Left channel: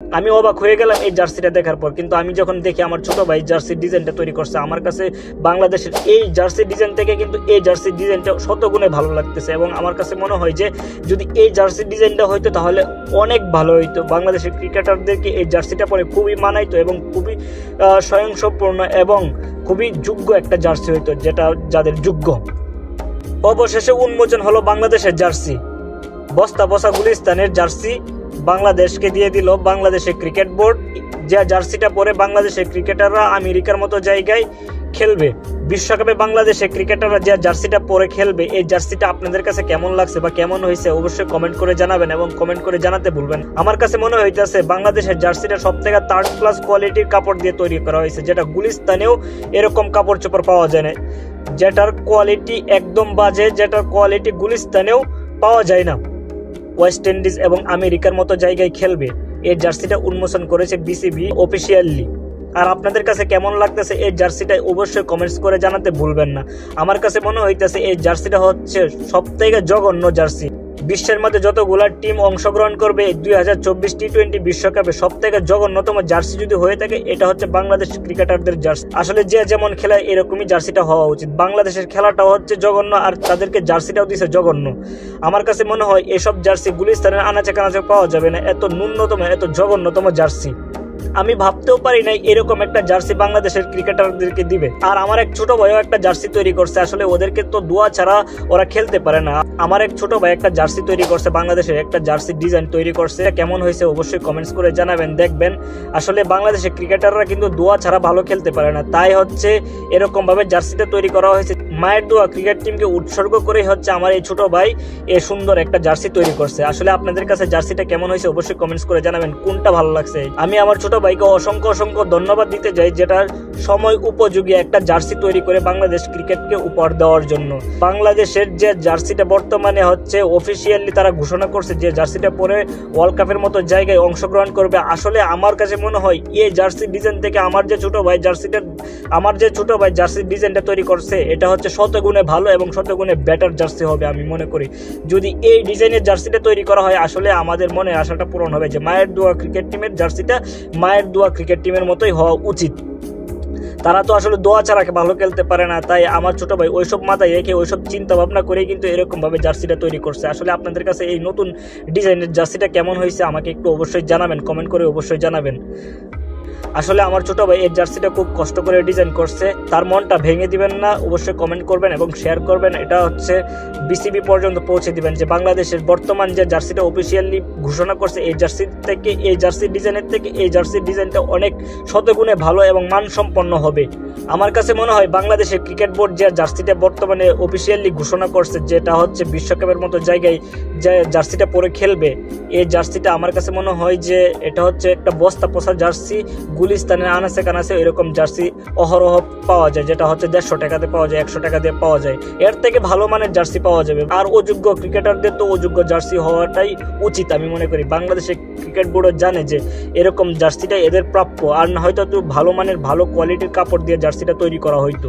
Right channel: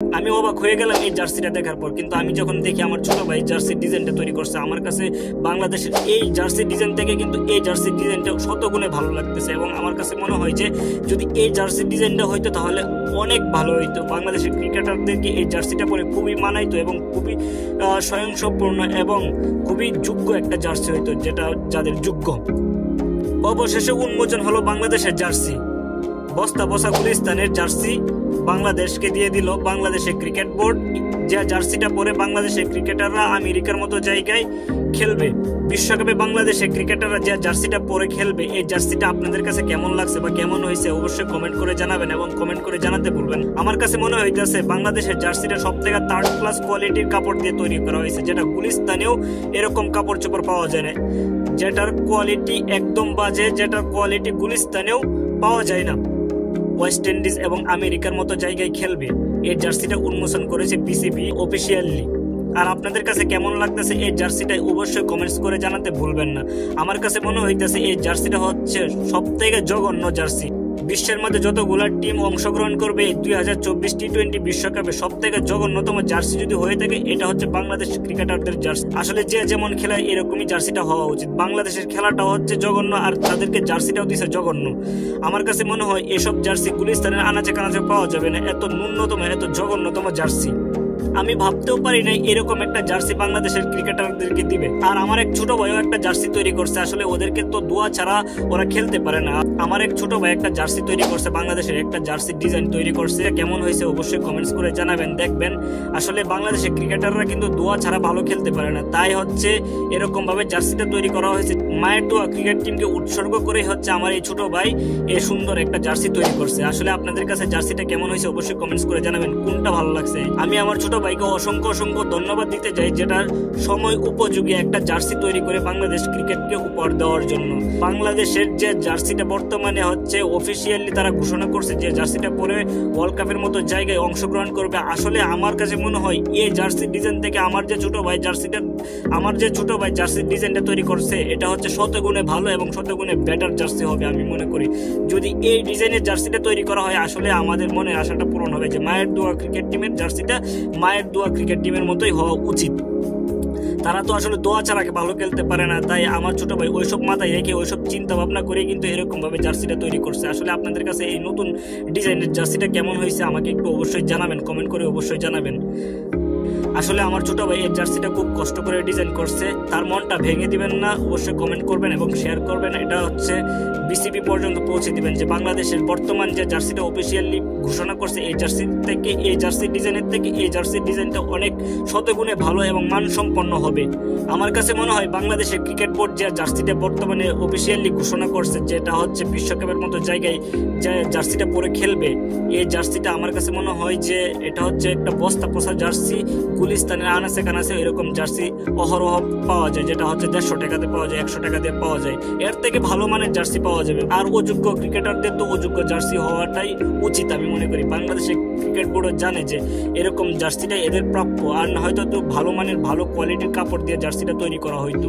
আমি অবাক হয়ে গেলাম এই জার্সিটা দেখার পর। কিন্তু আমি যখন দেখি আমার ছোট ভাই জার্সির ডিজাইনটা তৈরি করছে, আমার কাছে বাংলাদেশের এই জার্সির ডিজাইন থেকে কিন্তু এই জার্সির ডিজাইনটা শতগুণে ভালো লাগতেছে। এবং আমার কাছে মনে হয় যে যদি এই জার্সির ডিজাইনটা হইতো তাহলে অনেক ভালো হইতো। বাংলাদেশের ক্রিকেটারদেরকে এই জার্সিটা পরে খুবই মানাইতো এবং খুবই স্বয়ংসম্পূর্ণ এবং খুবই যোগ্য একটা জার্সি হইতো, যেটা যাদের যোগ্য। অবশেষে উন্মোচন হলো বাংলাদেশের জার্সি। বস্তা বসা গুলিস্তানের জার্সি বাংলাদেশকে দিয়ে দিল বাংলাদেশের ক্রিকেট বোর্ড। যে জার্সিটা পরে বাংলাদেশের ক্রিকেটাররা আমেরিকার মতো জায়গায় খেলবে। বিশ্বকাপে বাংলাদেশের ক্রিকেটাররা যে জার্সিটা পরে খেলবে, এই জার্সিটা আপনাদের কাছে কেমন লাগছে বা কেমন হয়েছে অবশ্যই কমেন্ট করে জানাবেন এবং কমেন্ট করে জানাতে ভুলবেন। আমার কাছে মনে হইতেছে বাংলাদেশের জার্সিটা সব থেকে থার্ড ক্লাস কোয়ালিটির কাপড় দিয়ে তৈরি করা হয়েছে, যেটা গুলিস্তানেও এরকম কাপড় চোপড় পাওয়া যায় না, যেটার কোয়ালিটি একদম বাজে, যেটার কোয়ালিটি গুলিস্তানেও পাওয়া যায় না। ওয়েস্ট ইন্ডিজ এবং আমেরিকার মতো জায়গায় খেলবে। এই জার্সিটা উন্মোচন করেছে বিসিবি অফিসিয়ালি। আর আপনাদের কাছে কেমন লাগতেছে এই জার্সিটা অবশ্যই কমেন্টস করে জানাতে ভুলবেন না। আমার কাছে মনে হইতেছে এই জার্সিটা হচ্ছে সব থেকে জঘন্য জার্সি। বিশ্বের মধ্যে যতগুলা টিম অংশগ্রহণ করবে 2024 টি-20 বিশ্বকাপে সব থেকে জঘন্যতম জার্সি যদি হয়ে থাকে, এটা হচ্ছে বাংলাদেশ ক্রিকেটারদের জার্সি। আসলে যে যেমন খেলায় এরকমই জার্সিটা হওয়া উচিত। বাংলাদেশের খেলাটাও হচ্ছে জঘন্য আর তাদেরকে জার্সিটাও দিছে জঘন্য। আমার কাছে মনে হয় এসব জার্সি গুলিস্তানের আনাচে কানাচে পাওয়া যাবে না, এত ন্যূনতম এত জঘন্যতম জার্সি। আমি ভাবতেও পারি নাই এরকম একটা জার্সি বাংলাদেশের ক্রিকেটারদেরকে দিবে। আর আমার এক ছোট ভাইও একটা জার্সি তৈরি করছে। আসলে ওদেরকে তো দোয়া ছাড়া ওরা খেলতে পারে না। আমার এক ছোট ভাই একটা জার্সি তৈরি করছে, বাংলাদেশের একটা জার্সি ডিজাইন তৈরি করছে। কেমন হয়েছে অবশ্যই কমেন্টস করে জানাবেন। দেখবেন আসলে বাংলাদেশের ক্রিকেটাররা কিন্তু দোয়া ছাড়া ভালো খেলতে পারে না, তাই হচ্ছে এরকম ভাবে জার্সিটা তৈরি করা হয়েছে। মায়ের দোয়া ক্রিকেট টিমকে উৎসর্গ করে হচ্ছে আমার এই ছোট ভাই এ সুন্দর একটা জার্সি তৈরি করছে। আসলে আপনাদের কাছে জার্সিটা কেমন হয়েছে অবশ্যই কমেন্টস করে জানাবেন, কোনটা ভালো লাগছে। আমি আমার ছোট ভাইকে অসংখ্য অসংখ্য ধন্যবাদ দিতে চাই, যেটার সময় উপযোগী একটা জার্সি তৈরি করে বাংলাদেশ ক্রিকেটকে উপহার দেওয়ার জন্য। বাংলাদেশের যে জার্সিটা বর্তমানে হচ্ছে অফিসিয়ালি তারা ঘোষণা করছে যে জার্সিটা পরে ওয়ার্ল্ড কাপের মতো জায়গায় অংশগ্রহণ করবে। আসলে আমার কাছে মনে হয় এই জার্সি ডিজাইন থেকে আমার যে ছোট ভাই জার্সির ডিজাইনটা তৈরি করছে, এটা হচ্ছে শতগুণে ভালো এবং শতগুণে বেটার জার্সি হবে আমি মনে করি। যদি এই ডিজাইনের জার্সিটা তৈরি করা হয়, আসলে আমাদের মনে আশাটা পূরণ হবে যে মায়ের দোয়া ক্রিকেট টিমের জার্সিটা মায়ের দোয়া ক্রিকেট টিমের মতোই হওয়া উচিত। তারা তো আসলে দোয়া ছাড়া ভালো খেলতে পারে না, তাই আমার ছোট ভাই ওইসব মাথায় রেখে ওইসব চিন্তা ভাবনা করে কিন্তু এরকম ভাবে জার্সিটা তৈরি করছে। আসলে আপনাদের কাছে এই নতুন ডিজাইনের জার্সিটা কেমন হয়েছে আমাকে একটু অবশ্যই জানাবেন, কমেন্ট করে অবশ্যই জানাবেন। আসলে আমার ছোট ভাই এই জার্সিটা খুব কষ্ট করে ডিজাইন করছে, তার মনটা ভেঙে দিবেন না, অবশ্যই কমেন্ট করবেন এবং শেয়ার করবেন। এটা হচ্ছে বিসিবি পর্যন্ত পৌঁছে দিবেন যে বাংলাদেশের বর্তমান যে জার্সিটা অফিসিয়ালি ঘোষণা করছে, এই জার্সি থেকে এই জার্সির ডিজাইনের থেকে এই জার্সির ডিজাইনটা অনেক শতগুণে ভালো এবং মানসম্পন্ন হবে। আমার কাছে মনে হয় বাংলাদেশের ক্রিকেট বোর্ড যে জার্সিটা বর্তমানে অফিসিয়ালি ঘোষণা করছে, যেটা হচ্ছে বিশ্বকাপের মতো জায়গায় যে জার্সিটা পরে খেলবে, এই জার্সিটা আমার কাছে মনে হয় যে এটা হচ্ছে একটা বস্তা পোষা জার্সি। গুলিস্তানের আনাচে কানাচে এরকম জার্সি অহরহ পাওয়া যায়, যেটা হচ্ছে 150 টাকাতে পাওয়া যায়, 100 টাকা দিয়ে পাওয়া যায়। এর থেকে ভালো মানের জার্সি পাওয়া যাবে। আর অযোগ্য ক্রিকেটারদের তো অযোগ্য জার্সি হওয়াটাই উচিত আমি মনে করি। বাংলাদেশের ক্রিকেট বোর্ডও জানে যে এরকম জার্সিটা এদের প্রাপ্য, আর না হয়তো ভালো মানের ভালো কোয়ালিটির কাপড় দিয়ে জার্সিটা তৈরি করা হইতো।